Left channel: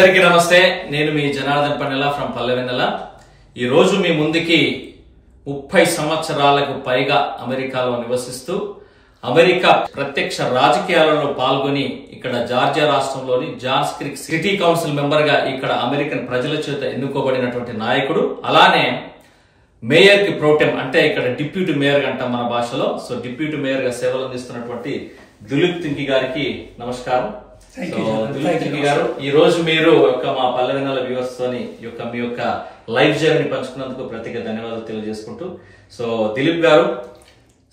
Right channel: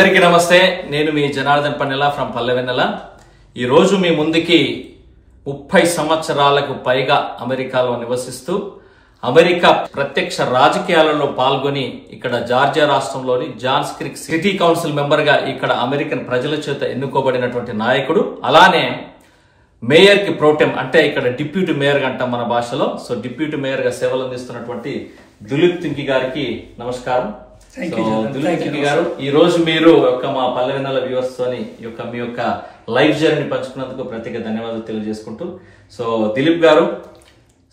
అందరికీ నమస్తే. నేను మీ జనార్దన్ పన్నెల ఫ్రమ్ పల్లెవెన్నెల. ఈ రోజు మీ ముందుకి 30 సంవత్సరాలకు పైగా అమెరికాలో నివసిస్తూ అమెరికా ప్రత్యక్ష రాజకీయాలలో పాల్గొని ఇక్కడ జార్జియా రాష్ట్రంలోని Johns Creek city council member గా ఇక్కడ అమెరికన్ ప్రజల చేత ఎన్నుకోబడినటువంటి నాయకుడు. అలానే మేయర్ కి ప్రోటెం అంటే ఇక్కడ డిప్యూటీ మేయర్ అంటాం మన భాషలో. సో డిప్యూటీ మేయర్ గా సేవలు అందిస్తున్నటువంటి దిలీప్ తింకి గారికి నమస్కారం. దిలీప్ తింకి గారు, ఈ రోజు మీరు మా పల్లెవెన్నెల వ్యూవర్స్ తోని మీ యొక్క లైఫ్ జర్నీ పంచుకున్నందుకు ప్రత్యేక ధన్యవాదాలు తెలియజేసుకుంటూ, సో దిలీప్ గారు,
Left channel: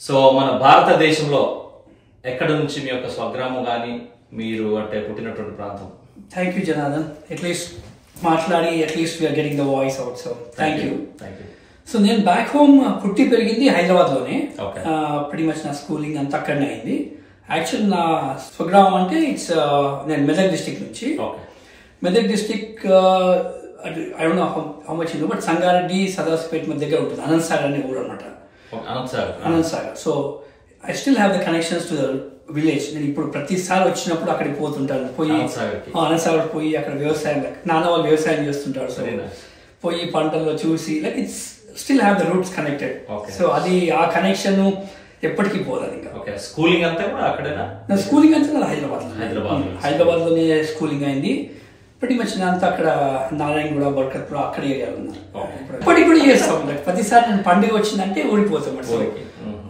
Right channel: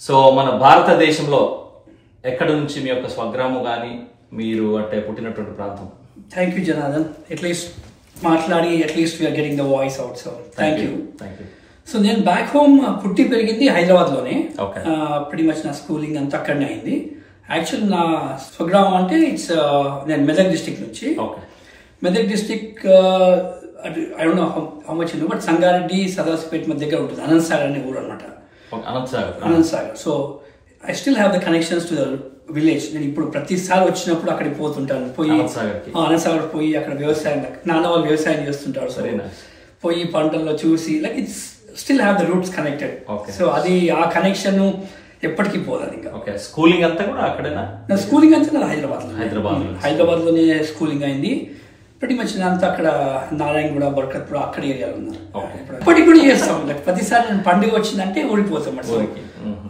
సో మన భారతదేశంలో ఎక్కడి నుంచి మీ యొక్క స్వగ్రామం గాని మీరు అంటే పుట్టినటువంటి ప్రాంతం? థ్యాంక్ యూ జనార్దన్, అట్లీస్ట్ మాట్లాడి at least we're getting the voice out. So thank you. So నేను బ్యాక్ హోమ్ పుట్టి పెరిగింది హైదరాబాద్ లోనే. pretty much నా స్కూలింగ్ అంతా అక్కడనే అయింది. యాక్చువల్ నా స్వగ్రామం అంటే నేను మెదక్ డిస్ట్రిక్ట్ నుంచి. Medak district I don't know how much you know, but Sangareddy సదరస్పేట్ మధ్య దగ్గర ఉంటుంది. అనంత్ సాగర్ అనే ఊరు అనమాట. Anant Sagar. So I still have the connections to the village. నేను ఇప్పుడు ప్రతిసారి వచ్చినప్పుడు అక్కడికి పోతుంటాను. పోయి అనంత్ సాగర్ పోయి అక్కడ వ్యవసాయం, నాన్న వాళ్ళు వ్యవసాయం చేస్తుంటారు. సో పోయి పంటల్లో చూసి like it's still have the roots connected. So అది ఆ కనెక్షన్ ఎప్పటికీ పోలేదు. ఇంకా స్కూలింగ్ అంతా కూడా అక్కడేనా? నా స్కూలింగ్ అంతా హైదరాబాద్ లోనే స్కూలింగ్ అయింది. ప్రతి మచ్ అంతా అక్కడ నారాయణగూడ, బర్కత్పుర అక్కడే ఇప్పటికి కూడా చేస్తాం. ప్రతిసారి నేను పండుగ వచ్చిందంటే ఊడిపోతాం.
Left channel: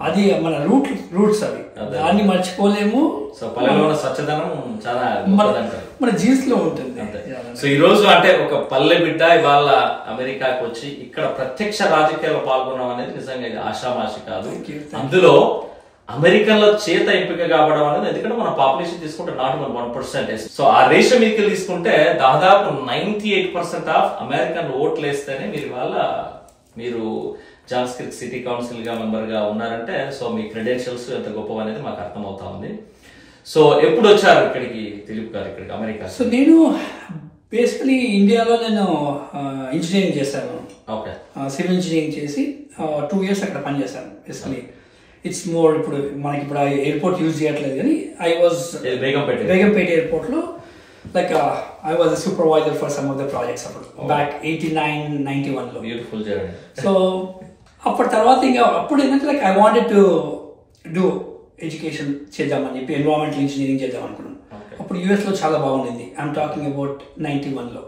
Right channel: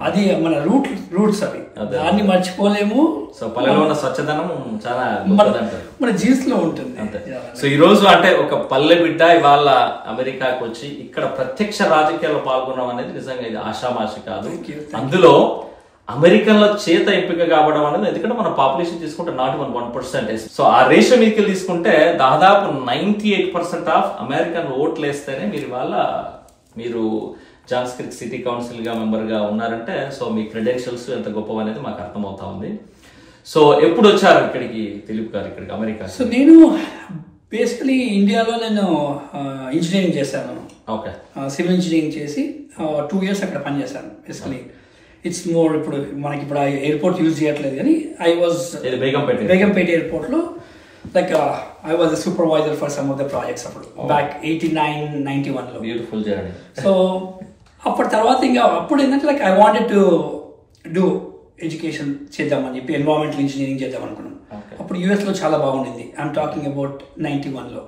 అది మన రూట్స్ అవి, దాన్ని మర్చిపోలేము. స్వచ్ఛదనం చాలా మన జీన్స్ లో ఉంటుంది. సో ఈ రోజు అంటే ఒక పల్లె బిడ్డ ఇవాళ అమెరికాకు వచ్చి ఇక్కడ ప్రత్యక్ష రాజకీయాల్లో పాల్గొనడం అనేది నిజంగా ఇది ఆషామాషి కాదు. అందులో అమెరికన్ల చేత ఎంపిక కావడం అనేది, ఎందుకంటే మన పాపులేషన్ తీసుకుంటే నాట్ 1%. సో ఆ రేషియో మీకు తీసుకుంటే దాదాపు 98% ఆఫ్ అమెరికన్ ఓట్లు వేస్తేనే మీరు జాన్స్ క్రీక్ సిటీ కౌన్సిల్ గా మెంబర్ గా ఉన్నారంటే, సో మీ క్రెడెన్షియల్స్ ఎంత గొప్ప అనేది మాకు అర్థమవుతా ఉంది. సో ఎప్పుడు వచ్చారు ఇక్కడికి దిలీప్ గారు, ఇక్కడికి అమెరికా? సో నేను బేసికలీ ఇండియాలో నేను ఇంజనీరింగ్ చేశాను. సివిల్ ఇంజనీరింగ్ చేసి 2 years అక్కడ పనిచేశాను. బేసికలీ ఇట్స్ మోర్ ఇప్పుడు మనకి ఇప్పుడు ఎయిర్పోర్ట్ యూజ్ చేయట్లేదు, కానీ ఐ వాజ్ బేగంపేట ఎయిర్పోర్ట్ లో like I was supervisor for some of the projects అప్పుడు బ్యాక్ 89-91 లో. Beautiful journey. సో అప్పటి తర్వాత ఇంకా అప్పుడు ఏంటంటే like I wanted to do education చేద్దామని చెప్పి ఎన్వైరన్మెంటల్ ఇంజనీరింగ్ చేద్దాం అనుకున్నాను. అప్పుడు యుఎస్ లో చాలా బాగుండింది. ఐఎమ్ టాకింగ్ అబౌట్ 91 లో.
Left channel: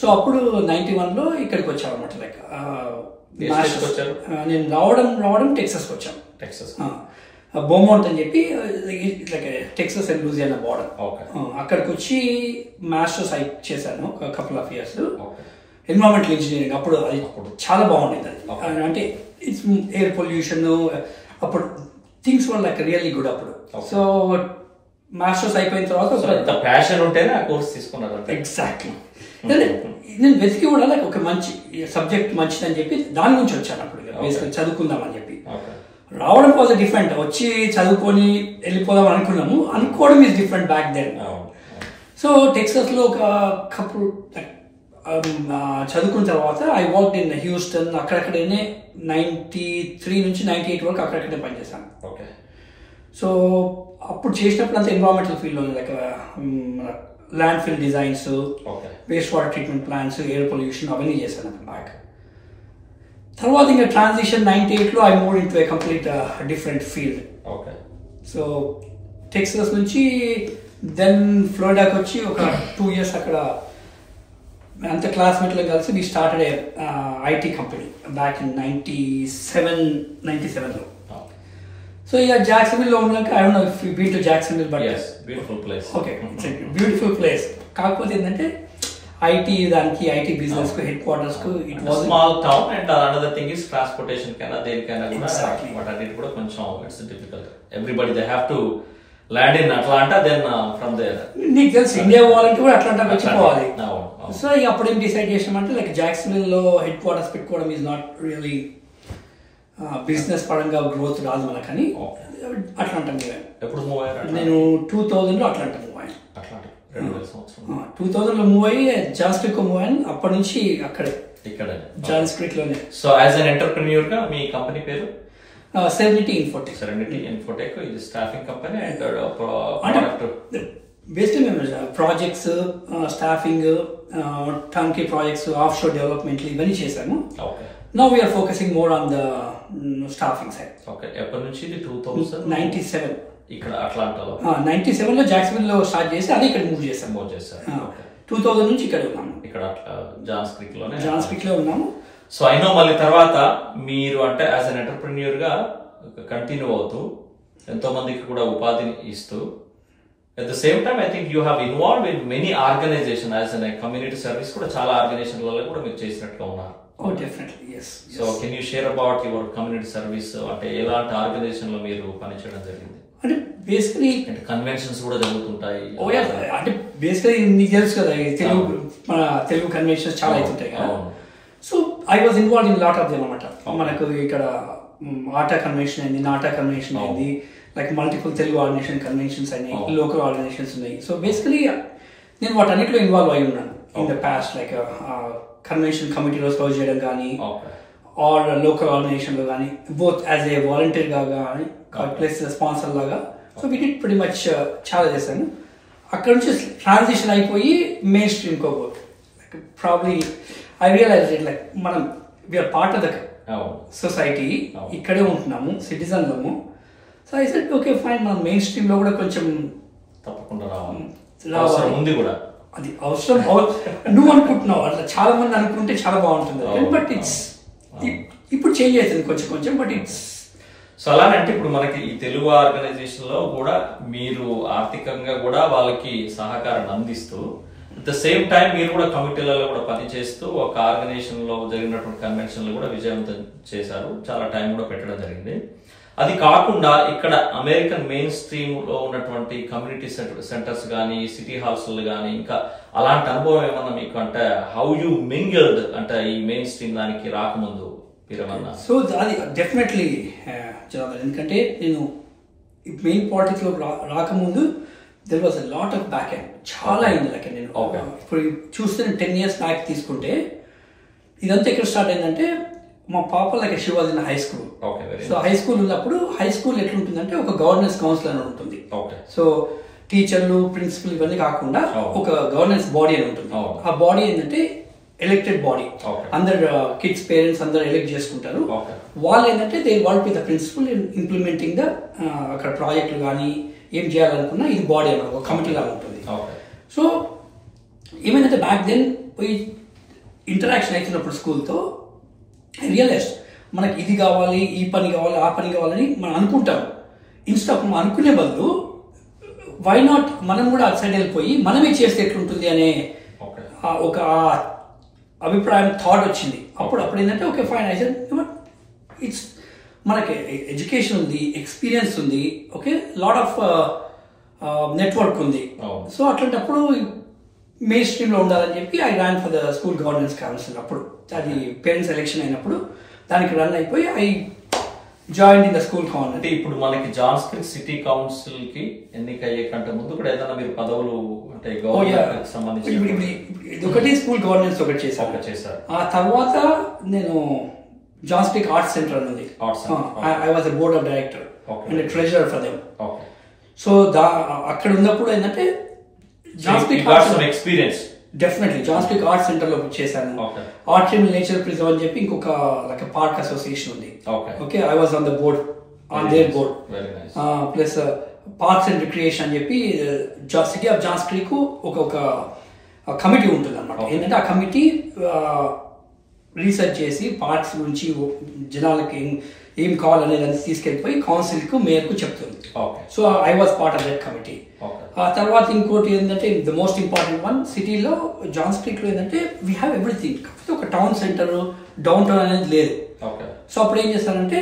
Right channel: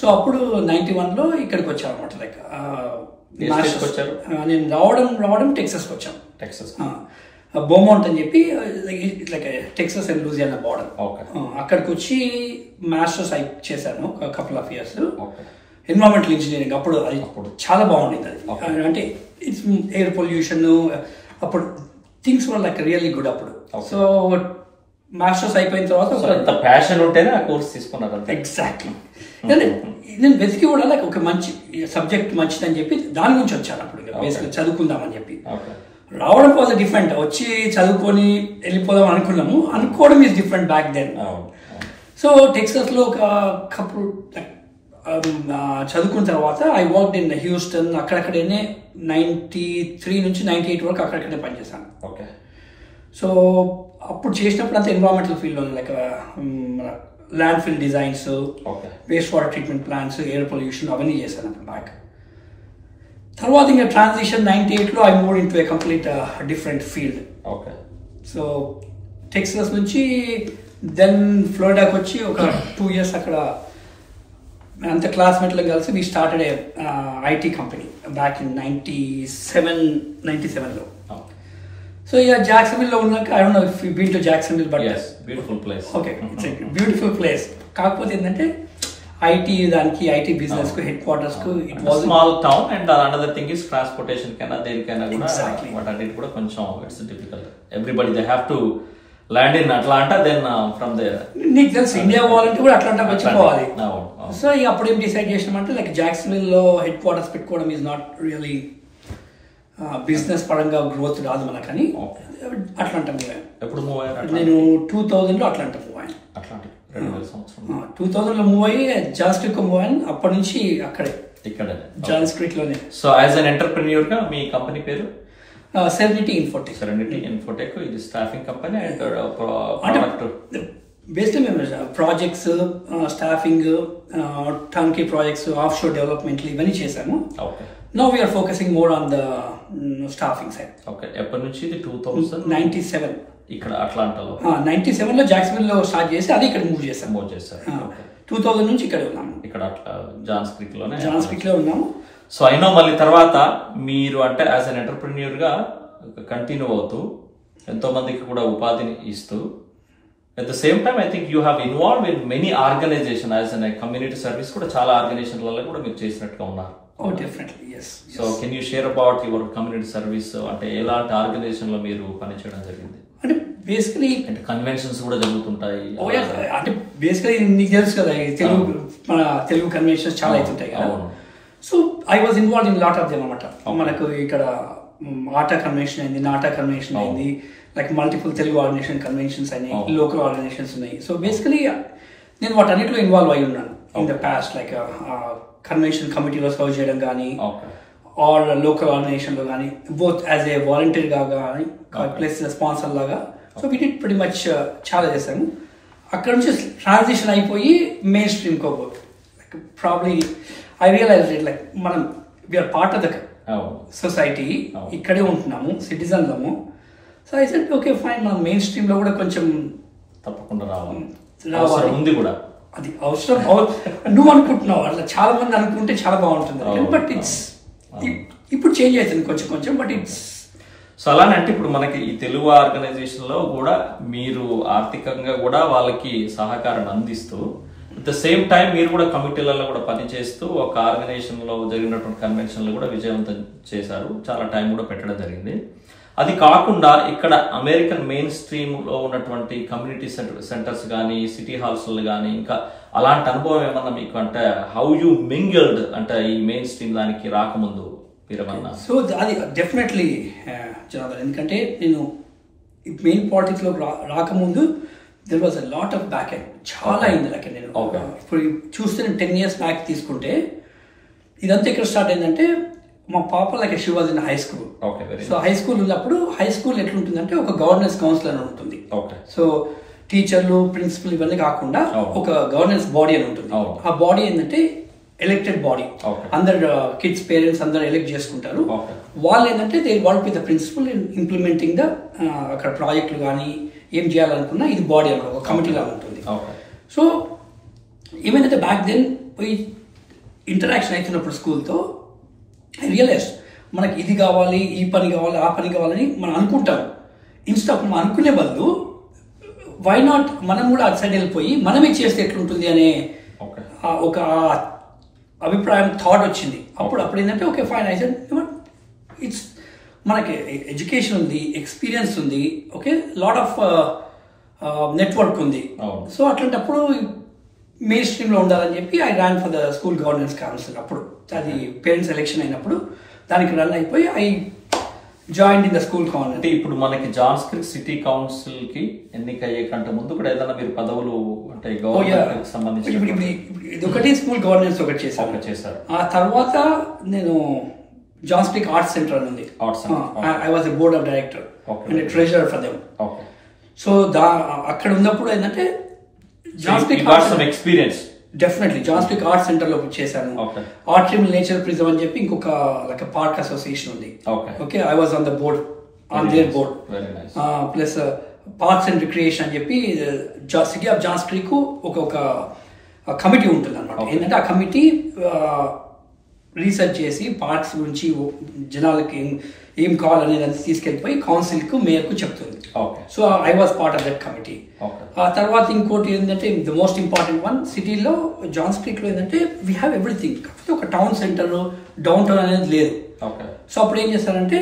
సో అప్పుడు 91 లో ఇక్కడికి వచ్చాం అనమాట. లైక్ నేను రావడం టెక్సస్ కి వచ్చాను. బోమౌంట్ అని చెప్పి like Texas and Louisiana border. అక్కడికి వచ్చి మాస్టర్స్ చేశాను couple of years environmental engineering. అప్పుడు అది చాలా బాగుండేది. అది అంటే ఇట్స్ ఎయిర్ పొల్యూషన్, అప్పుడు things were like really good అప్పుడు. సో మాస్టర్స్ అయిపోయిన తర్వాత ప్యాషన్ ఉంటేనే ఆ కోర్స్ తీసుకున్నారు. ఎగ్జాక్ట్లీ. నేను వెతికి కూడా లైక్ ఒక మంచి సబ్జెక్ట్ మంచిదని చెప్పి దాని నుంచి వచ్చాను. అప్పుడు బేసిక్గా చదువుకుందామని చెప్పి రావడం వాజ్ డిఫరెంట్. వచ్చి చదువుకొని వెళ్ళిపోదాం అనుకున్నాము. అనుకోవడం is different back then. So Texas లో ఒక కపుల్ చదువుకున్న తర్వాత ఐ వర్క్ ఇన్ హ్యూస్టన్. అక్కడక్కడనే 93 నుంచి 98 వరకు అక్కడక్కడే పనిచేశాను. సో అప్పుడు చేసినప్పుడు అంతా ఎన్వైరన్మెంటల్ ఫీల్డ్ లో like landfill designs, waste water treatment plants, air pollution అవన్నీ చేశాను బ్యాక్. తర్వాత ఇంకా ట్రాన్సిషన్ 98 లో I move into a complete different field. So Texas నుంచి దెన్ ఫ్లోరిడాకి వచ్చి ఒక 2 years అక్కడ అంత క్లాస్మేట్లో కలిసి we started IT company back in 97 లో. సో ఇక జాక్సన్విల్ లో ఉన్నాక I don't know if you been to Jacksonville, but beautiful place. Okay, it's a beautiful place. కాకపోతే ఏంటంటే ఐటీ దానికి ఐటీ బిజినెస్ కు హెడ్ క్వార్టర్స్ కు it was small town and another thing is transportation కైనా దేనికైనా కూడా వాటన్నిటి కూడా కొంచెం it's difficult. Everybody they have to land in Atlanta, then from there నీకు తెలుసు ఇండియా వాళ్ళకి కూడా అట్లాంటా వచ్చిపోవాలి. సో ఇక అప్పుడు ఏం డిసైడ్ చేసినామంటే లైక్ జాక్సన్విల్ లో హెడ్ క్వార్టర్స్ పెట్టుకోవడం ఈజ్ నాట్ రియలీ బిజినెస్ పరంగా గ్రోత్ రాదు మనకని అట్లాంటా మీద. నేను 2000 లో అట్లాంటా మూవ్ అయ్యాను. 2000 లో మూవ్ అయ్యి జాన్స్ క్రీక్ మూవ్ అయ్యాను. అప్పటి నుంచి అక్కడే జాన్స్ క్రీక్ లోనే. సో యాజ్ అన్ ఎంటర్‌ప్రెన్యూర్ గా మీ కంపెనీ పేరు? Serenity Infotech. Serenity Infotech is staffing company and product. బేసిక్గా మేము projects, staffing, turnkey projects, offshore development ఇవన్నీ చేశాము. Now we're focusing more on the staffing side. ఎప్పటి నుంచి? 2097 ఇక్కడ అట్లాంటాలో. 97 లో జాక్సన్విల్ లో స్టార్ట్ చేసి అది ఇక్కడ మూవ్ చేశాం. 2000 నుంచి ఇక్కడ ఉన్నాము. ఇక్కడ జాన్స్ క్రీక్ లో ఉన్నాము. సో అయినా మళ్ళీ తర్వాత మీరు అంటే యాజ్ అన్ ఎంటర్‌ప్రెన్యూర్ గా కంటిన్యూ అవుతూ ఎంతో మందికి కూడా ఉపాధిని ఇస్తూ at the same time I think you have involved in many organizations as a community service కూడా చాలా ఆర్గనైజేషన్లలో కూడా మీరు చేసినట్టుగా ఉన్నారు. Oh, definitely, yes. So can you share about your community service? అంటే ఎలాంటి ఆర్గనైజేషన్ లో మీరు పనిచేయడం జరిగింది? అంటే బేసికలీ అంటే కన్వెన్షన్స్ కూడా జరుగుతుంటాయి. అంటే బేసికలీ మీకు తెలుసు కదా తెలుగు కన్వెన్షన్స్ చాలా అవుతుంటాయి కదా. So I was involve in lot of them అన్నమాట. మనకు ఇక్కడ ఆటా కన్వెన్షన్ అయింది, నాటా కన్వెన్షన్ అయింది, like multiple Telugu organization conventions అయినాయి, లోకల్ ఆర్గనైజేషన్స్ ఉన్నాయి. సో బేసికలీ నేను వాటన్నిటిలో ఇన్వాల్వ్ అయి ఉన్నాను in the past. Like convention కమిటీలో సర్వ్ చేయడం కానీ, ఆర్ లోకల్ ఆర్గనైజేషన్ లో కానీ, బోత్ యాజ్ ఏ వాలంటీర్ గా కానీ ప్లస్ స్పాన్సర్ లాగా. So we did pretty much చాలా చేశాను. అక్కడ నుంచి ట్రాన్సిషన్ అయిపోయి మెయిన్ స్ట్రీమ్ కోబోత్ like probably I realize it like మనం we are part of the society, ఇక్కడే ఉంటున్నాము, సిటిజన్లము. So I said okay fine, మనం మెయిన్ స్ట్రీమ్ లో కూడా కొంచెం తప్పకుండా రావాలి కూడా. అది అవసరం నువ్వు అనుకుంటున్నావు, అట్లా చాలా మంది అనుకుంటే చాలా బాగుంటుంది. బట్ ఇట్స్ ఇప్పుడు చేంజ్ అవుతుంది కొంచెం కొంచెం. బట్ ఇట్స్ సో అలానే అంటే ఇప్పుడు మనకి ఈ తెలుగు ఆర్గనైజేషన్ లో కూడా మీరు ఆర్థికంగా కూడా వాళ్ళకి సహకారాన్ని అందిస్తూ అట్ ద సేమ్ టైం మీరు కూడా కమిటీలలో కూడా పనిచేస్తూ ఒక ఆర్గనైజేషన్ లో జరిగినటువంటి కన్వెన్షన్ లో కూడా విజయవంతం చేశారు. చాలా టైం కూడా పెట్టడం జరిగింది. అది కాకుండా ఇక్కడ అమెరికన్ మెయిన్ స్ట్రీమ్ లో ఉన్నటువంటి కమ్యూనిటీ సెంటర్స్ కానీ, సిటీ హాల్స్ కానీ ఇంకా అలాంటి అనుభవం ఏమన్నా మీకు అంటే హౌ యూ మింగిల్డ్ అంటే ఈ మెయిన్ స్ట్రీమ్ దానికి రాకముందు మీరేమన్నా? సో అది డెఫినెట్లీ ఎందుకంటే నేను మెయిన్ పాలిటిక్స్ లో రాకముందు there was a lot of back end, చాలా అయింది. లైక్ నేను ఇప్పుడు చూస్తే 10 years బ్యాక్ తీసుకుంటే ఇదంతా ఇక్కడ స్టార్ట్ అయిందంటే మా పాప like she was in high school. So high school ఉన్నప్పుడు హై స్కూల్ ఎట్లుంటుందంటే ఒక గవర్నెన్స్ కౌన్సిల్ అని ఉంటుంది. సో టీచర్లు, ప్రిన్సిపల్ ఇవన్నీ కాకుండా ఒక గవర్నెన్స్ బాడీ అని ఉంటుంది. ఆ బాడీ ఏంటంటే ఎలక్టెడ్ బాడీ, అందరు కిడ్స్ పేరెంట్స్ అందరు ఎలెక్ట్ చేసుకుంటారు. వాళ్ళు ఏంటంటే they work with the principal in implementing the అక్కడ ప్రాజెక్టులు కానీ ఏం చేయాలనుకున్నా ఇది బాడీ అన్నమాట, ఒక కమిటీ లాగా ఉంటుంది. సో ఏమైందంటే బ్యాక్ దెన్ పోయి ఇంటరాక్షన్ అవుతున్నప్పుడు స్కూల్తో ఐ రియలైజ్ మనకి ఇది కావాలి, ఈ పని కావాలి, ఆ పని కావాలని మనం అనుకుంటాం. ఇన్స్టాప్ మనం అనుకునే బదులు వై నాట్ మనం కూడా అటు సైడ్ వెళ్ళిపోయి మనమే చేస్తే ఎట్లుంటుంది అనే ఒక అభిప్రాయం థాట్ వచ్చింది. అప్పుడు ఏంటంటే okay fine I said it's మనకి ఎడ్యుకేషన్ ఉంది, ఎక్స్పీరియన్స్ ఉంది, ఓకే లాట్ ఆఫ్ నెట్వర్క్ ఉంది. సో అట్లాంటప్పుడు మెయిన్ స్ట్రీమ్ లో ఉండాలని చెప్పి I ran for the school governance council. అప్పుడు అది పేరెంట్స్ ఎలక్షన్ అయినప్పుడు దానికి రన్ అయిపోయి I join in the school council. అంటే ఇప్పుడు మనకి జాన్స్ క్రీక్ సిటీ కౌన్సిల్ కి ఎన్నిక అయ్యే కంటే ముందు కూడా ఏదైనా మీరు పదవులు అంటే గవర్నమెంట్ సంబంధించి ఇది ఒకటి స్కూల్ గవర్నెన్స్ ఒకటి చేశారు. ఆ తర్వాత నేను జాన్స్ క్రీక్ ఆర్ట్స్ సెంటర్ ఉంది, I was the board of director and treasurer for them. So అక్కడ ఉన్నప్పుడు ఏంటంటే Johns Creek experience definitely Johns Creek art center లో చేశాను. ఆర్ట్రిమ్ నేచర్ ప్రిజర్వ్ అని చెప్పి ఇంకొక లైక్ పార్క్ అసోసియేషన్ ఉంది. Okay I was on the board, on there board. Plus parks and recreation అని చెప్పి సిటీ ఆఫ్ జాన్స్ క్రీక్ ఒక కమిటీ ఉంటుంది అనమాట. ఏంటంటే ఆ కమిటీ రీసెర్చ్ చేసి పార్క్స్ గురించి జనాలకి ఏం కావాలనేది అని తీసుకెళ్లిపోయి కౌన్సిల్ కు మేయర్ కు చెప్తుంది. So I was part of that committee. ఆ తర్వాత ఇంకోటి ఏంటంటే ద మోస్ట్ ఇంపార్టెంట్ వన్, సిటీలో జాన్స్ క్రీక్ లో ఏంటంటే వీ హ్యావ్ ఎవ్రీథింగ్, కాకపోతే ఒక టౌన్ సెంటర్ డౌన్ టౌన్ అనేది లేదు. సో అప్పుడు ఏం చేస్తారంటే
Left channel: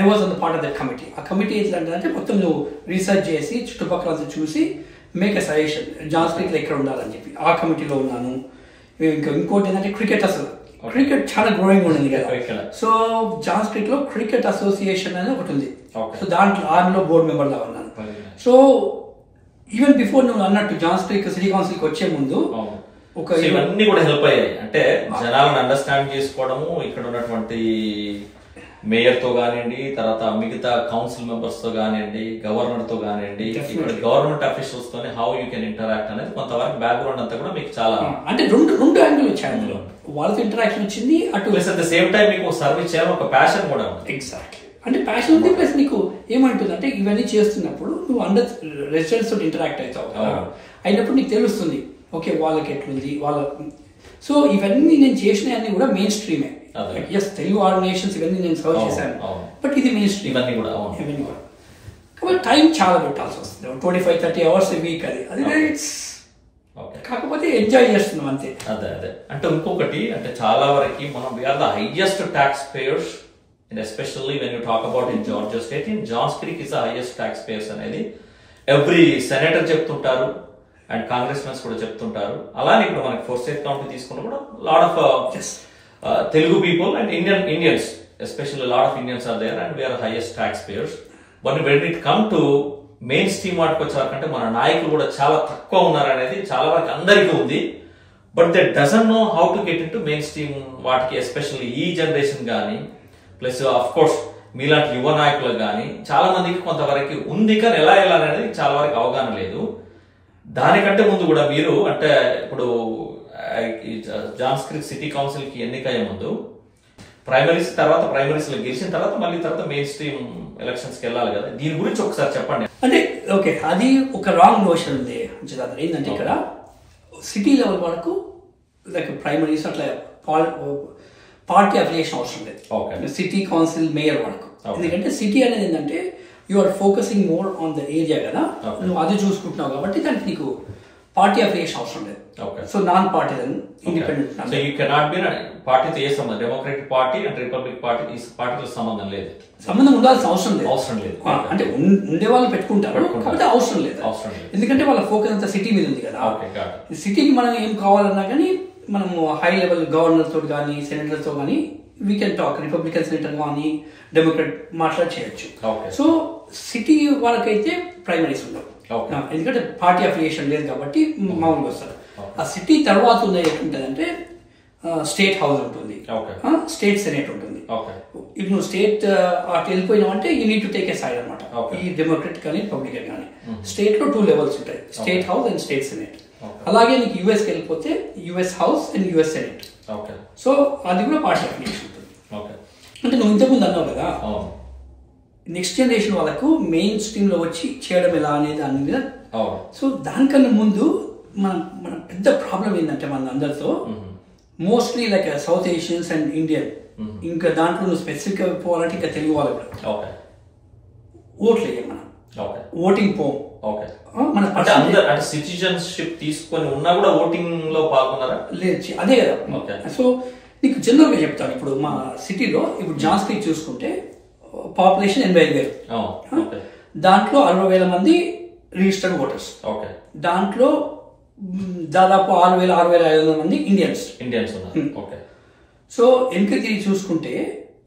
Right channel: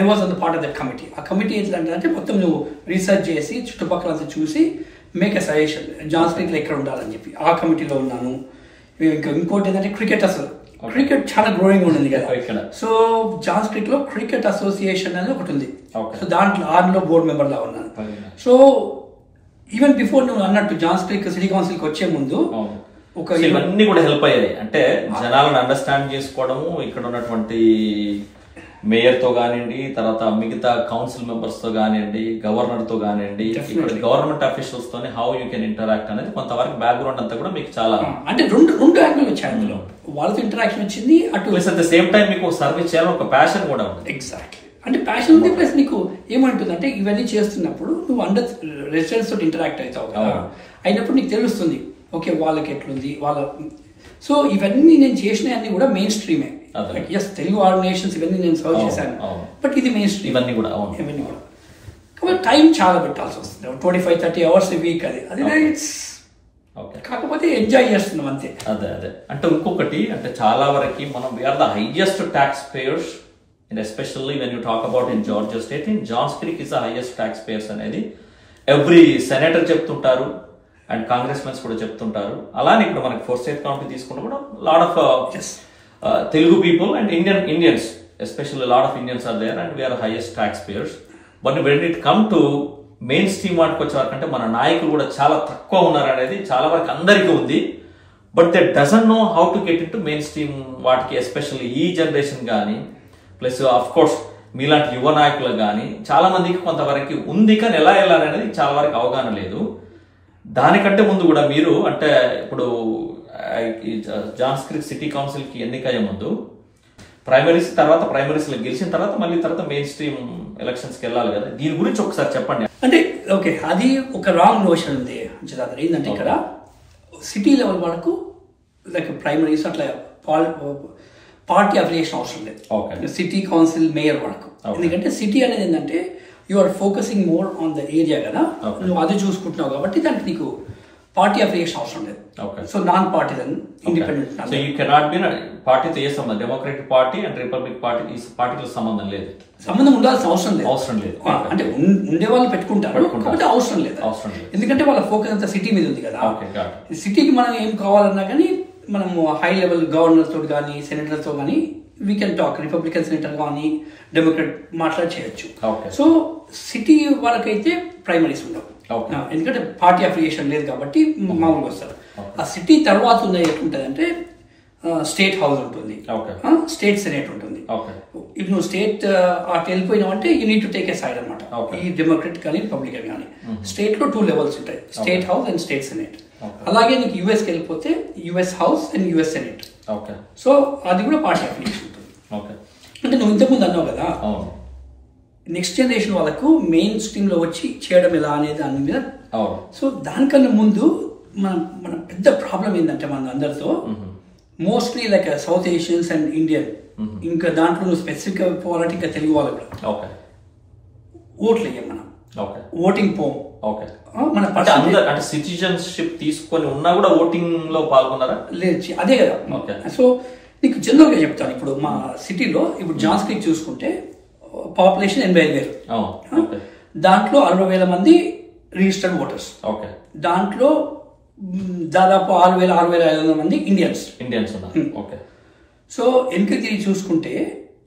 I was on the part of that committee. ఆ కమిటీ ఏంటంటే మొత్తం నువ్వు రీసెర్చ్ చేసి చుట్టుపక్కల చూసి make a suggestion Johns Creek లో ఎక్కడ ఉండాలని చెప్పి ఆ కమిటీలో ఉన్నాను. ఇంకోటి ఏంటంటే క్రికెట్, అసలు క్రికెట్ చాలా గ్రోయింగ్ ఉంది కదా. సో జాన్స్ క్రీక్ లో క్రికెట్ అసోసియేషన్ అనేది ఒకటి ఉంది. సో దాంట్లో ఆర్మీలో బోర్డు మెంబర్ గా ఉన్నాను. సో ఈవెన్ బిఫోర్ నువ్వు అన్నట్టు జాన్స్ క్రీక్ సిటీ కౌన్సిల్ కి వచ్చే ముందు ఒక ఇవన్నీ కూడా హెల్ప్ అయ్యాయి. అంటే జనాలను అండర్స్టాండ్ చేసుకోవడము, ఇక్కడ ఉన్నటువంటి మేయర్ తో కానివ్వండి, తర్వాత మిగతా కౌన్సిల్ మెంబర్స్ తో కానివ్వండి, గవర్నర్ తో కానివ్వండి, ఇక్కడ గవర్నమెంట్ అఫీషియల్స్ తోనే హౌ యూ కెన్ ఇంటరాక్ట్ అనేది కొంతవరకు బ్యాక్గ్రౌండ్ అంతా కూడా మీకు చాలా అంటే రెండు యాంగిల్ వచ్చాయి అందులో. వాళ్ళతో ఇంటరాక్షన్ వచ్చింది, అటు అట్ ద సేమ్ టైం మీకు సర్వీస్ చేయాలని ఒక ప్యాషన్ కూడా ఉంది. ఎగ్జాక్ట్లీ, అంటే ప్యాషన్ ఉంది. ప్లస్ నీకు ఏమంటుంది అంటే ఇవన్నీ చేస్తున్నప్పుడు నువ్వు అందరు రెసిడెంట్స్ తోటి ఇంటరాక్ట్ అవుతావు కదా, అయినప్పుడు నీకు తెలుస్తుంది ఓకే వాళ్ళకి ఎట్లుంది వాళ్ళ. సో ఇవన్నీ నేను చేసినవన్నీ కూడా మెయిన్ స్ట్రీమే. ఎస్, తెలుగు ఆర్గనైజేషన్స్ ఇవన్నీ నేను సర్వ్ చేశాను, బట్ ఇది మెయిన్ స్ట్రీమ్ ఇవన్నీ కూడా. కాబట్టి టైం చాలా పెట్టాల్సి వస్తుంది, 25-30 hours వీక్. అది కాకపోతే ఎంజాయ్ చేస్తున్నాం అంతే. అదే అంటే ఇంకొకటి అంటే చాలా వరకు మనం we're the highest taxpayers, and especially when you talk about in Georgia state, in Johns Creek is the highest taxpayers అనేది ఎవ్రీ సెనేటర్ చెప్తుంటారు అండ్ కాంగ్రెస్ మెన్స్ కూడా చెప్తుంటారు. అలానే ఇప్పుడు మనకి ఫోర్త్ కౌంటీ తీసుకున్నా కూడా lot of Telugu people and Indians, especially a lot of Indians are there, and we are the highest taxpayers. But when it come to main stream వాటికి వచ్చేవారంటే మన నాయకులు కూడా చాలా తక్కువ ఉన్నారనేది చాలా వరకు అందరికీ ఉంది. But they doesn't know how to get in to main stream వాటికి, ఎస్పెషల్లీ ఈ జనరేషన్ కానీ, ప్లస్ ఆఫ్ కోర్స్ మీలాంటి యువ నాయకులకు కానీ చాలా మందికి కొంతవరకు ఉంది, కానీ ఎలా వెళ్ళాలనేది చాలా వరకు అవగాహన లేదు. దానికంటే ముందు కూడా మీరు అంటే ఇప్పుడు జాన్స్ క్రీక్ సిటీ కౌన్సిల్ కి ఎన్నికయ్యే ముందు ప్రైమరీస్, తర్వాత ప్రైమరీస్ లో గెలిచిన తర్వాత మళ్ళీ తర్వాత మెయిన్ స్ట్రీమ్ ఎలక్షన్స్ కి వెళ్ళాలి కదా, దీని గురించి ఒకసారి చెప్పండి. అంటే ఓకే, అది ఒక రాంగ్ నోషన్ ఉంది జనార్దన్. ఏంటంటే ఇక్కడ సిటీ లెవెల్ వరకు లైక్ ప్రైమరీస్ అట్లా పార్టీ అఫిలియేషన్ అవసరం లేదు సిటీ కౌన్సిల్ మేయర్ వరకు. ఎందుకంటే సిటీ అనేది ఏంటంటే you are focusing more on the area కదా, నువ్వు అది చూసుకుంటున్నావు కాబట్టి దానికి నీకు పార్టీ అఫిలియేషన్ అవసరం లేదు. So non partisan independent. So you cannot be పార్టీతో ఏ సంబంధం, democratic party and republic party ఈ పార్టీతో సంబంధం లేదు, సంబంధం ఉండాల్సిన అవసరం లేదు. అంటే ఉండే వాళ్ళు పెట్టుకుంటారు కాబట్టి అవసరం లేదు. ఎందుకంటే వాళ్ళ ఫోకస్ అంతా సిటీ మీద ఉంది కదా. సిటీకి మనం ఏం కావాలన్నా కానీ మనము హై లెవెల్ గవర్నర్ తోటి కానీ సెనేటర్ తో కానీ we can talk, Republican senator కానీ డెమోక్రట్ మాట్లాడి చేయొచ్చు. సో సిటీ వాళ్ళకైతే ప్రైమరీస్ ఉండవు, ఎందుకంటే పార్టీ అఫిలియేషన్ లేదు కాబట్టి మామూలుగా వస్తారు. ఆ సిటీ తర్వాత ఉన్నది ఎట్లుంటది అంటే స్టేట్ హౌస్ ఉంటుంది, స్టేట్ సెనేట్ ఉంటుంది. ఇప్పుడు నువ్వు స్టేట్ అటు వెళ్ళిపోయినావు అంటే you need to take a side అనమాట. ఈ డెమోక్రట్ కానీ రిపబ్లికన్ కానీ స్టేట్ లో 2 levels ఉంటాయి, state house and state senate. అలాగే నీకు యుఎస్ కి వెళ్ళిపోతే US house and US senate. So అది కూడా పార్టీ అఫిలియేషన్ ఉంటుంది. అంటే నువ్వు ఇంతకుముందు అన్నావు కదా నెక్స్ట్ జనరేషన్ వాళ్ళకు మెయిన్ స్ట్రీమ్ లో వచ్చి చేయడం ఎలా అనేది దాని మీద. సో దానికన్నా ముందు మన పెద్ద ప్రాబ్లం ఏంటంటే మన అందరితో mostly like south Asians and Indian, ఇంకా దాంట్లో నువ్వు స్పెసిఫిక్ గా పోవాలంటే ఇంకా తెలుగు వాళ్ళు కూడా ఓట్లు వేయం, మనం ఓటింగ్ పోం. మన సిటిజన్షిప్ తీసుకొని ఉన్నా కూడా ఓటింగ్ లో పాల్గొన్నారా లేదు, అదే కదా. సో నీకు జనరల్ గా చెప్తాను, ఇప్పుడు మా సిటీలో ఇప్పుడు జాన్స్ క్రీక్ చూసుకుంటే పాపులేషన్ 85,000, దాంట్లో 60,000 మంది రిజిస్టర్డ్ ఓటర్స్, దాంట్లో దాదాపు 6,500 మంది ఇండియన్స్. సో వెనక్కి తిరిగి చూసుకుంటే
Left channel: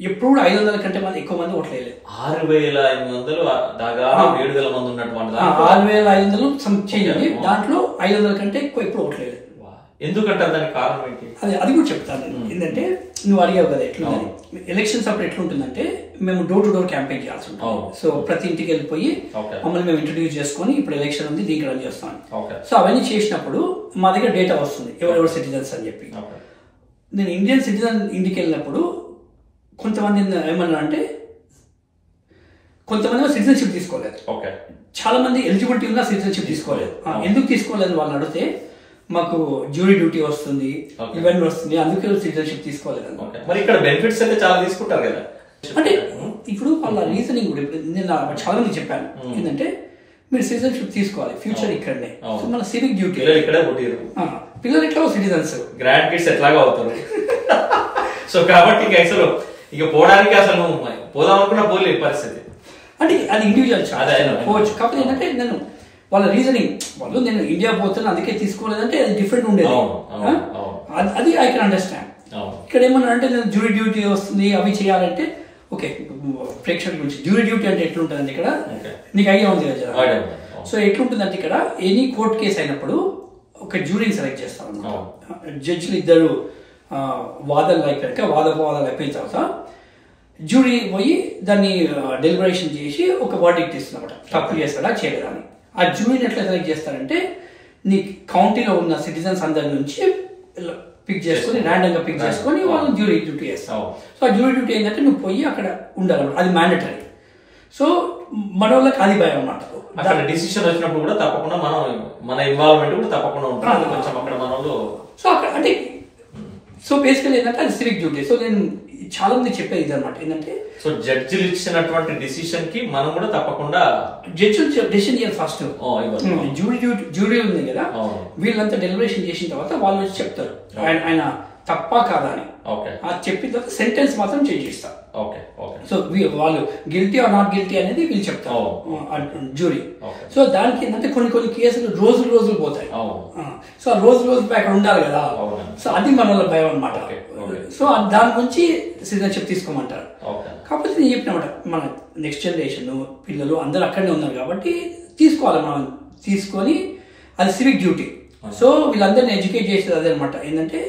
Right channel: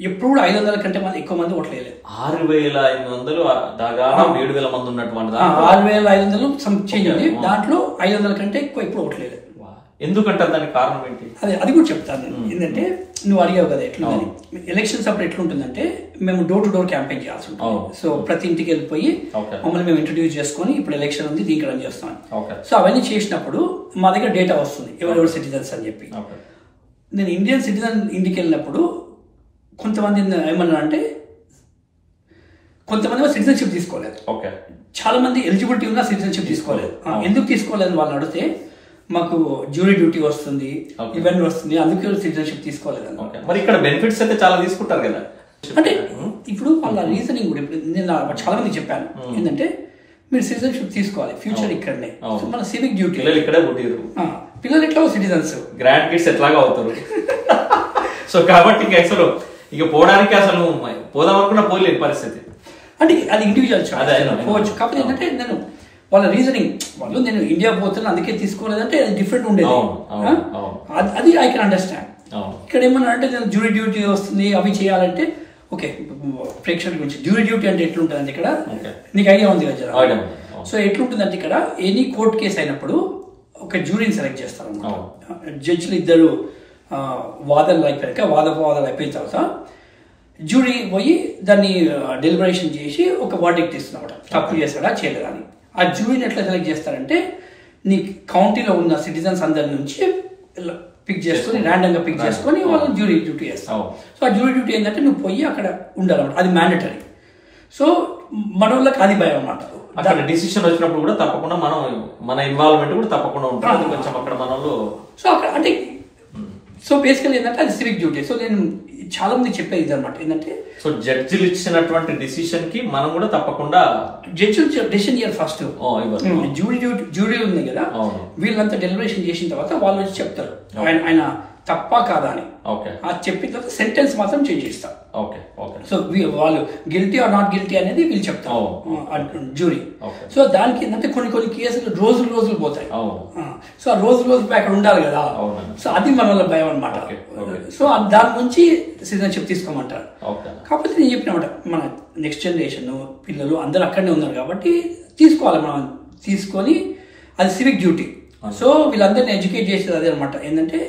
ఎప్పుడు కూడా 500 కంటే మంది ఎక్కువ మంది ఓట్లు వేయలేదు. 6,500 దాదాపు 7,000 మంది ఉన్నటువంటి 6,500 చేంజ్, దాంట్లో 500 కంటే ఎక్కువ ఎప్పుడు ఓట్లు వేయలేదు. ఎందుకంటారు, దానికి కారణం ఏంటి? అది కూడా చెప్తాను. ఏంటంటే నువ్వు అడిగావు కదా ఎట్లుందని, ఎలక్షన్స్ అప్పుడు ఎట్లుంటుందంటే మేము డోర్ టు డోర్ క్యాంపెయిన్ చేయాల్సి ఉంటుంది. సో ప్రతి ఇంటికి వెళ్ళిపోయి మమ్మల్ని మేము ఇంట్రడ్యూస్ చేసుకుని ఇప్పుడు ఎలక్షన్ ఉంది దీనికి రన్ చేస్తాం. సో అవన్నీ చేసినప్పుడు మా దగ్గర డేటా వస్తుంది ఎవరెవరు సిటిజన్స్ అని చెప్పి. నేను ఇండియన్ సిటిజన్ ఇంటికి వెళ్ళినప్పుడు కొంతమంది ఏమన్నా అంటే కొంతమంది సిటిజన్షిప్ తీసుకోలేదు, చాలా మంది ఎలిజిబిలిటీ ఉన్నా సిటిజన్షిప్ తీసుకోలేదు. ఎందుకు తీసుకోలేదు వాళ్ళని అడిగితే మాకు జ్యూరీ డ్యూటీ వస్తుంది, ఇవన్నీ వస్తుంది, అందుకే సిటిజన్షిప్ తీసుకోలేదు. మరి ఇక్కడ బెనిఫిట్స్ అయితే చాలా తీసుకుంటారు కదా. అంటే ఇప్పుడు వాళ్ళ రీజనింగ్ కూడా నేను చాలా మంది చెప్పాను ఏంటంటే మీరు సిటిజన్షిప్ తీసుకోవాలి, ఫ్యూచర్ ఇక్కడనే, మన సివిక్ డ్యూటీ ఇక్కడే పుట్టారు పిల్లలు ఎట్లా సిటిజన్స్ గ్రాండ్ కిడ్స్ ఎట్లాగా అవుతారు. సో కాబట్టి అసలు ఇక పోవడానికి అసలు పోదామనుకున్నా పోలేదు పరిస్థితి. అంటే అది ఇండివిజువల్ పోవచ్చు. కాకపోతే ఏంటంటే నేను వాళ్ళ రీజనింగ్ వాళ్ళు నేను ఇండియా పోతున్నా అందుకే తీసుకోలేదంటే అది డిఫరెంట్ ఉండేది. అది ఐ కెన్ అండర్స్టాండ్. ఇక్కడ ఏమన్నా అంటే నేను జ్యూరీ డ్యూటీ వస్తుంది అవి చేయాలంటే ఓకే, ప్రేక్షకుల గురించి జ్యూరీ డ్యూటీ అంటే ఎట్లుంటుందంటే ఇక్కడ నీకు ఐడియా ఉంది కదా. సో ఎట్లుంటుందంటే ఇక్కడ ఎనీ కోర్ట్ కేసు అయినప్పుడు ఒక జ్యూరీని సెలెక్ట్ చేస్తారు అన్నమాట. జడ్జిలు ఇద్దరు వాదనలు అయిపోయాక వాదనలు అయిపోయిన తర్వాత జ్యూరీ పోయి దాన్ని డెలిబరేషన్ చేసి ఒక వర్డిక్ట్ ఇస్తున్నమాట, తప్పు చేస్తాడా చేయలేదా అని. ఆ జ్యూరీని ఎట్లా సెలెక్ట్ చేస్తారంటే నీ కౌంటీలో ఉన్న సిటిజన్స్ అందరి నుంచి పిక్ చేసుకుని ర్యాండమ్ గా పిక్ చేసుకుని వాళ్ళు జ్యూరీ డ్యూటీ చేస్తారు. సో ఆ జ్యూరీ డ్యూటీ ఏంటంటే నువ్వు పోయి అక్కడ ఉండాలన్నమాట, అది మ్యాండటరీ. సో మన వాళ్ళకి అది భయం అన్నమాట. అక్కడ డిసిషన్ వచ్చినప్పుడు కూడా తప్పకుండా మనం మన ఇన్వాల్వ్మెంట్ కూడా తప్పకుండా ఉంటుంది కొంచెం అక్కడ మనలో. సో అక్కడ అంటే సో బేసికల్ ఏంటంటే అది సివిక్ డ్యూటీ. సో నేను చాలా మంది చెప్పేది ఇది అనమాట ఏంటంటే, సో జడ్జిలు ఇచ్చినటువంటి డిసిషన్ కి మనం కూడా తప్పకుండా జడ్జిలు డెసిషన్ చేయాలి ఫస్ట్. జ్యూరీ ఉంది కదా, వీళ్ళంతా డెలిబరేషన్ చేసిన తర్వాత వాళ్ళు వచ్చి చెప్తారు ఆయన తప్ప కాదా అని. చెప్పిన తర్వాత సెంటెన్స్ మాత్రం చేంజ్ చేస్తారు. సో వాళ్ళు గిల్టీ ఆర్ నాట్ గిల్టీ అనేది వీళ్ళు చెప్తారు జ్యూరీ. సో దానికి ఏంటంటే కొన్ని కేసులు రోజులు పోతాయి. సో ఆ రోజు అక్కడ ఉండాలి కదా, సో అది మన వాళ్ళ భయం అనమాట. సో దాని నుంచి సిటిజన్షిప్ తీసుకోమంటారు. కాకపోతే నేను చెప్పినమాట మన నెక్స్ట్ జనరేషన్ పిల్లలు అందరూ అక్కడనే ఉన్నారు కాబట్టి తీసుకోవాలి, మనం తీసుకొని అది సివిక్ డ్యూటీ. సో వీళ్ళందరినీ ఎడ్యుకేట్ చేసేది అదే అనమాట ఏంటంటే,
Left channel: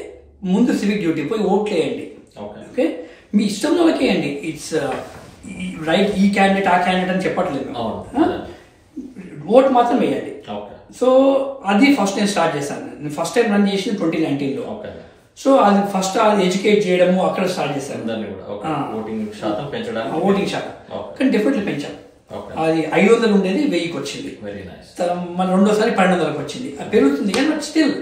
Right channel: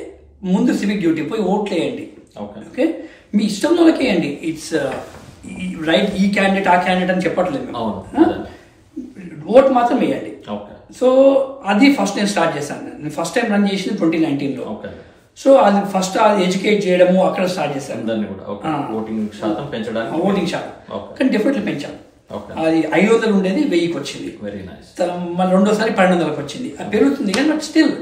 ముందు సివిక్ డ్యూటీ పోయి ఓట్లు వేయండి. ఓకే, మీ ఇష్టంలో వేయండి. ఇట్స్ రైట్, ఈ క్యాండిడేట్ ఆ క్యాండిడేట్ అని చెప్పట్లేదు, ఓట్ మాత్రం వేయండి. సో అది ఫస్ట్ నేను స్టార్ట్ చేశాను. నేను ఫస్ట్ టైం రన్ చేసింది 2019లో. సో అది ఫస్ట్ అది ఎడ్యుకేట్ చేయడము అక్కడ స్టార్ట్ చేశాను. ఓటింగ్ శాతం కానీ డెఫినెట్లీ పెంచాను. అది 500 ఉండేది 1000కి వచ్చింది. మళ్ళీ రెండోసారి 1200కి వచ్చింది. అది పెరుగుతుంది కానీ బట్ స్టిల్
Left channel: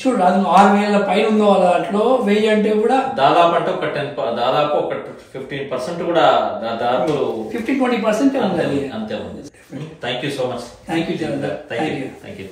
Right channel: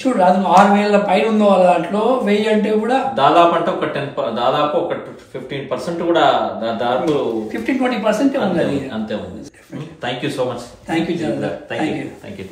చూడు, అది 6000 పైన ఉందో వాళ్ళ దాంట్లో 1000 అంటే కూడా దాదాపు అంటే ఒక 15% కూడా దాదాపు 15-20% ఉంది. అంతే ఉంది. Thank you so much. Thank you.